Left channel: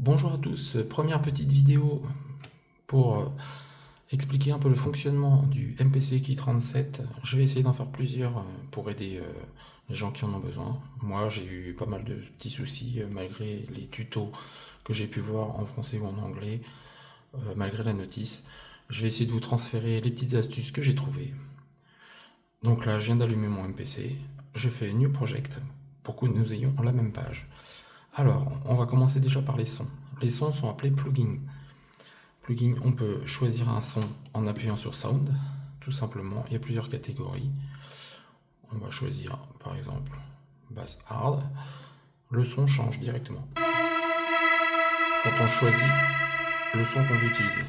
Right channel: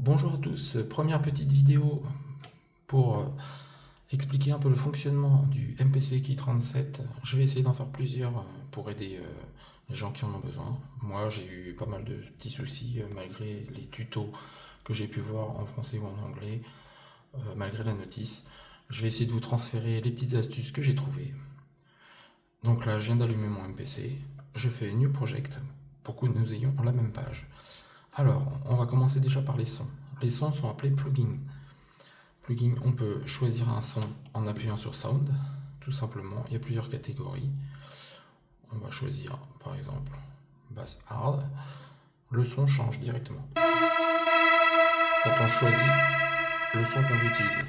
Bonjour à tous, première petite vidéo pour expliquer un peu le fonctionnement du MPC Key 37. Je vais essayer d'en faire plusieurs pour aider les gens qui en ont besoin. Moi j'ai eu pas mal de petits soucis malgré les tutos que j'ai pu voir en français ou en anglais, malgré la notice. Je vais essayer de vous transférer les petites astuces que j'ai trouvées. Donc là je viens d'allumer mon MPC, je fais New Project pour que nous ayons la même page. Alors, on va commencer déjà par les sons. Les sons sont appelés plugins. Plugin, on peut choisir un son en appuyant sur Sound, tout simplement. Il y a plusieurs catégories. On va choisir, par exemple, Bass Hard. Le son change directement quand on choisit le son qu'on veut utiliser.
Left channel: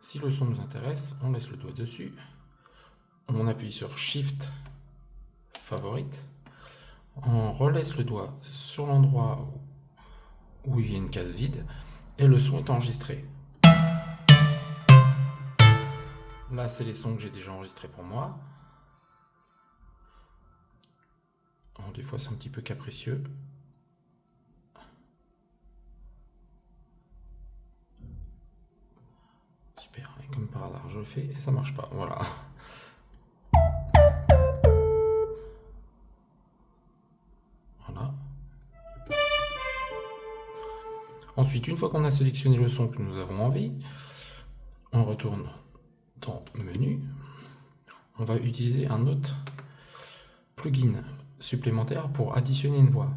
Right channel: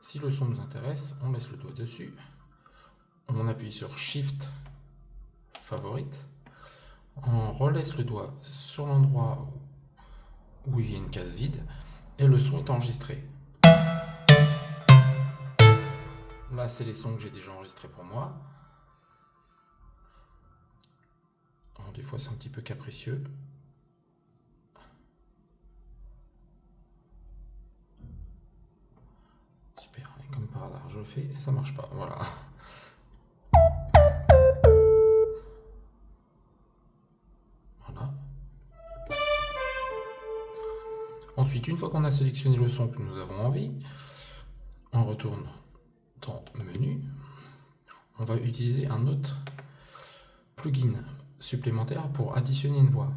Si le son nous intéresse, on laisse le doigt dessus. On appuie sur Shift favorite. On relaisse le doigt sur l'endroit où il y a une case vide et le son est enregistré. Là, c'est les sons que j'ai déjà enregistrés pour moi. Alors, des fois, c'est un petit peu capricieux. Super, et comme par hasard, je le fais et ça marche pas. Voilà. Voilà. Ensuite, une fois qu'on a sélectionné le son que nous avons envie, on retourne dans le menu. On va utiliser un autre plugin supplémentaire pour additionner une voix.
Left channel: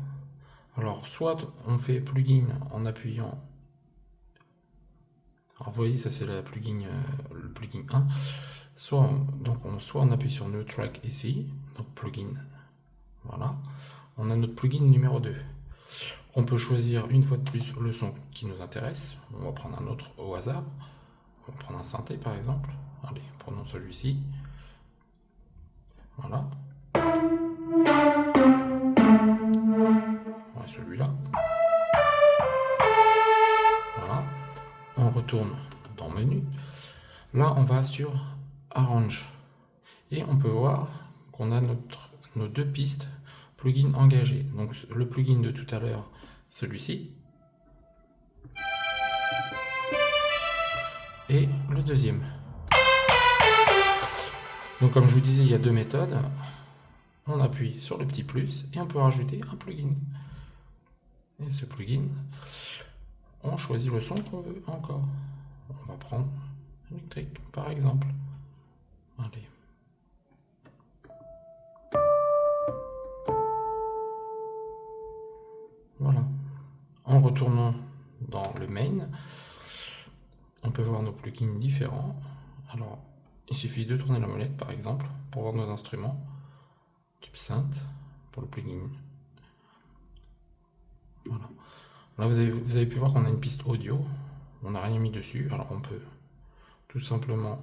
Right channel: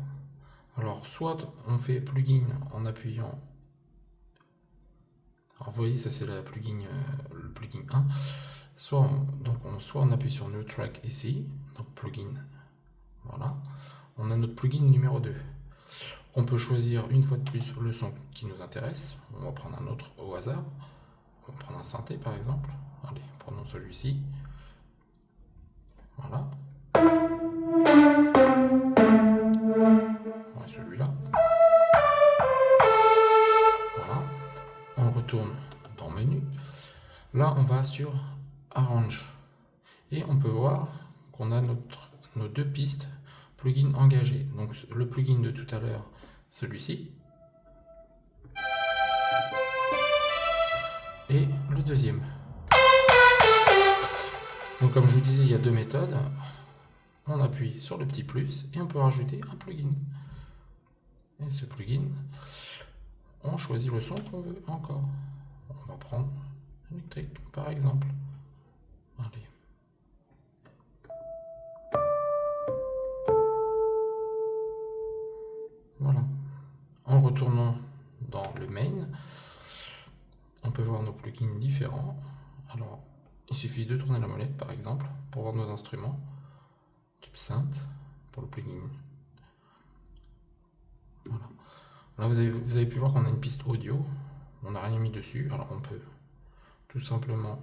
Alors, soit on fait plugin en appuyant. Alors, vous voyez, ça c'est le plugin 1. Soit on appuie sur New Track ici, donc plugin. Voilà. On a notre plugin numéro 2. On peut choisir une fois de plus le son qui nous intéresse. On va prendre un autre au hasard. On va prendre un synthé par exemple. Allez, prenons celui-ci. Voilà. Voilà celui-là. Voilà. On retourne dans Menu. Là, on va sur Arrange. Et on peut voir qu'on a nos deux pistes plugins engagés. Donc le plugin de tout à l'heure, celui-ci. Et le deuxième. Donc comme je vous disais, il y a deux méthodes. On appuie sur le petit plus et on peut rajouter un plugin. Et ce plugin, on choisit le son qu'on veut encore. On va prendre électrique par exemple. Allez. Voilà. En retournant dans le main, on peut voir nos plugins différents. Alors, il suffit de tourner la molette par exemple pour voir nos instruments. Type synth pour le plugin. Voilà. Là, vous avez pu voir qu'on a une piste audio. On n'a rien mis dessus. Alors, on peut tout simplement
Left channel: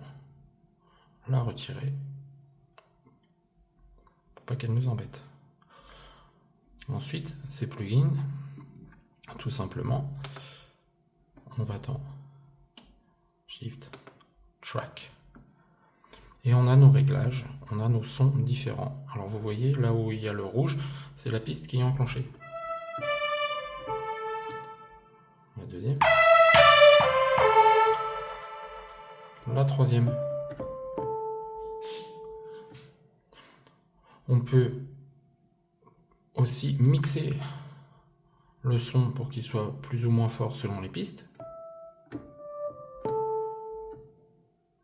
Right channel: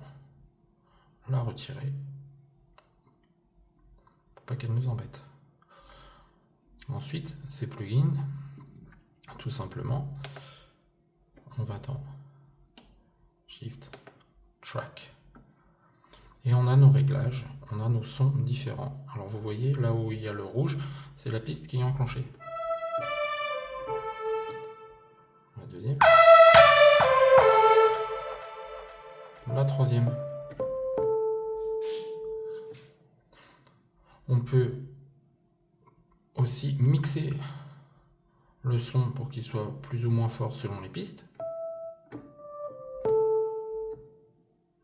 la retirer pour pas qu'elle nous embête. Ensuite, ces plugins, tout simplement, on va dans Shift Track. Et on a nos réglages, on a nos sons différents. Alors vous voyez, là où il y a le rouge, c'est la piste qui est enclenchée. La deuxième. La troisième. On peut aussi mixer le son pour qu'il soit plus ou moins fort selon les pistes.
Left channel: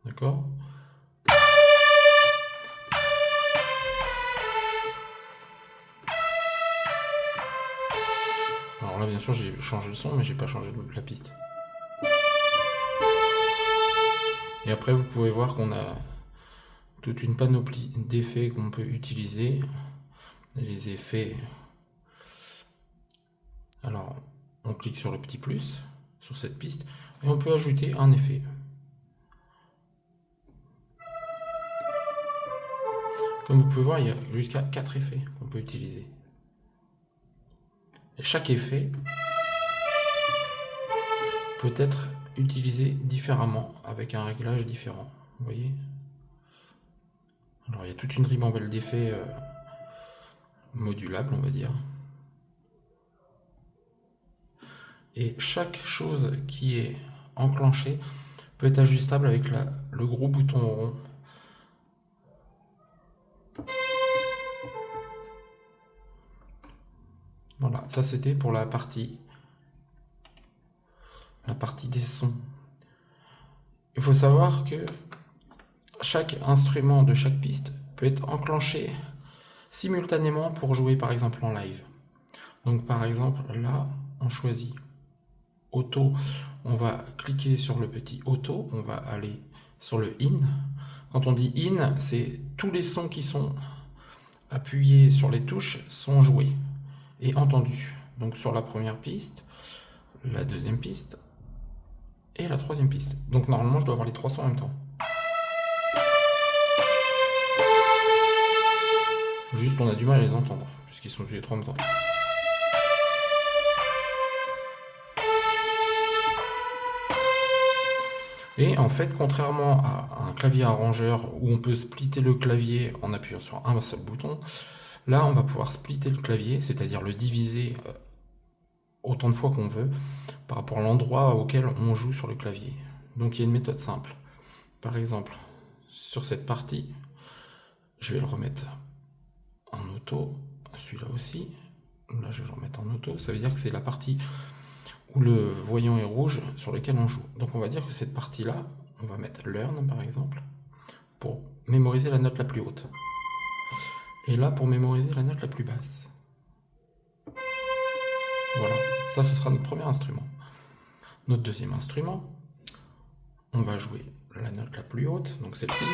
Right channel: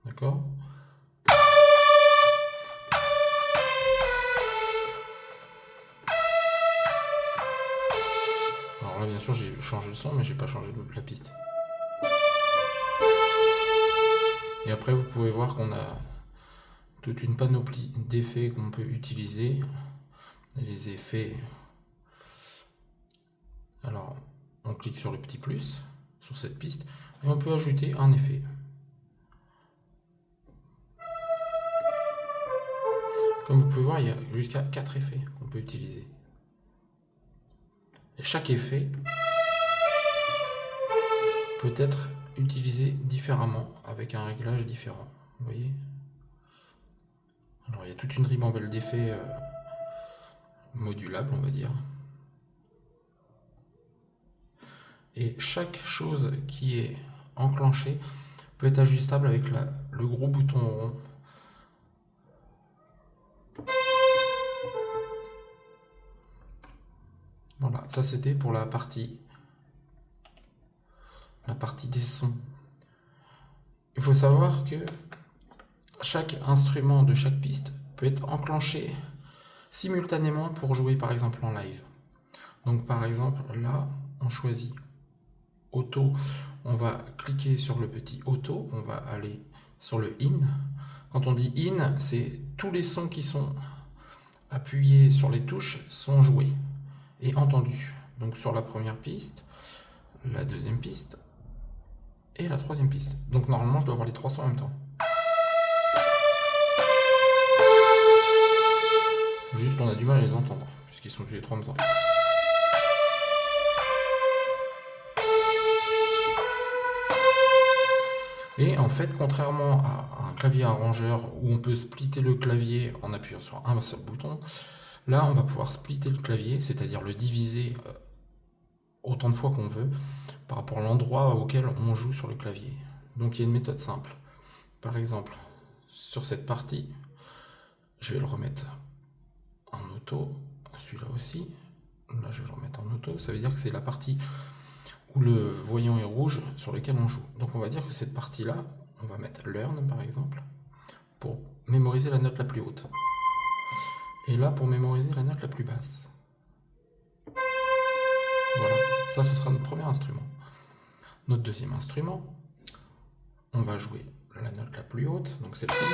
D'accord ? Alors là, bien sûr, j'ai changé le son, mais j'ai pas changé la piste. Et après, vous pouvez voir qu'on a toute une panoplie d'effets qu'on peut utiliser. Les effets. Alors, on clique sur le petit plus, sur cette piste, et on peut ajouter un effet. Comme vous pouvez voir, il y a jusqu'à 4 effets qu'on peut utiliser. Et chaque effet peut être utilisé différemment, avec un réglage différent. Vous voyez ? Alors, il y a toute une ribambelle d'effets modulable, on va dire. Et chaque chose qui est enclenchée peut être ajustable avec le gros bouton rond. Voilà, ça c'était pour la partie des sons. Il faut savoir que chaque instrument de chaque piste peut être enclenché simultanément pour jouer par exemple en live. Donc par exemple là on choisit auto, on va cliquer sur le petit auto, on va aller sur le in. Quand on dit in, c'est tous les sons qui sont appuyés sur les touches sont joués et entendus. Donc sur la première piste, la deuxième piste et la troisième piste. Donc normalement je dois avoir les trois sons en même temps. Juste on a du mal à les entendre, puisqu'ils sont tous les trois en même temps. Et en fait, contrairement à un clavier arrangeur où on peut splitter le clavier en appuyant sur un seul bouton, là on va pouvoir splitter le clavier, c'est-à-dire le diviser autant de fois qu'on veut par rapport à l'endroit auquel on joue sur le clavier. Donc il y a une méthode simple. Par exemple, sur cette partie, je vais le remettre en auto, celui-là aussi. Là je vais le remettre en auto, ça veut dire que c'est la partie où le voyant est rouge sur lequel on joue. Donc on va dire que cette partie-là, on va mettre learn par exemple, pour mémoriser la note la plus haute. Et là pour mémoriser la note la plus basse. Voilà, ça ce sera notre premier instrument. Notre deuxième instrument, on va jouer la note la plus haute, donc celle-ci,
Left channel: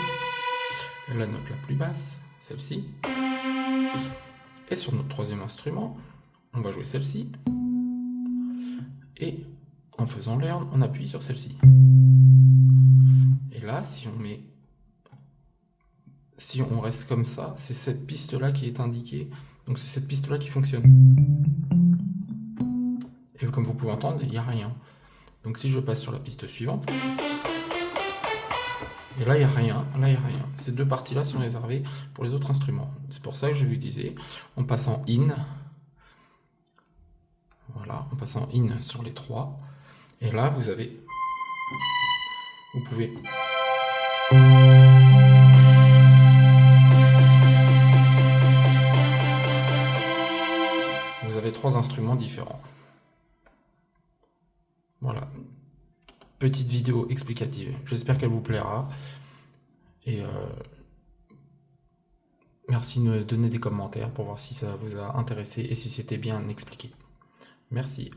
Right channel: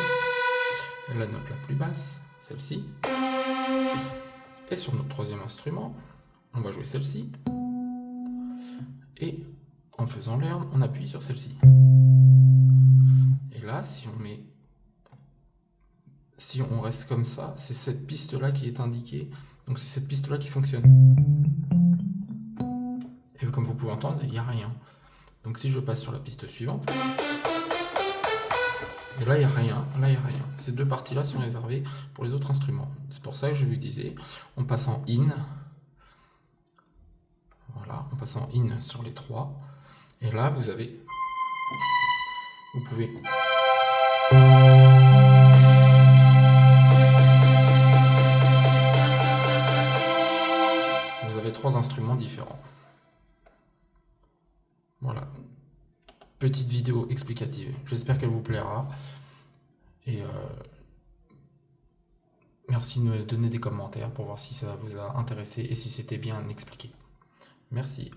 la note la plus basse, celle-ci. Et sur notre troisième instrument, on va jouer celle-ci. Et en faisant learn, on appuie sur celle-ci. Et là, si on reste comme ça, c'est cette piste-là qui est indiquée. Donc c'est cette piste-là qui fonctionne. Et comme vous pouvez entendre, il n'y a rien. Donc si je passe sur la piste suivante, et là il n'y a rien, là il n'y a rien. Ces deux parties-là sont réservées pour les autres instruments. C'est pour ça que je vous disais, on passe en in. Voilà, on passe en in sur les trois. Et là vous pouvez trois instruments différents. Voilà, petite vidéo explicative. J'espère qu'elle vous plaira. Et merci de me donner des commentaires pour voir si ça vous a intéressé et si c'était bien expliqué. Merci.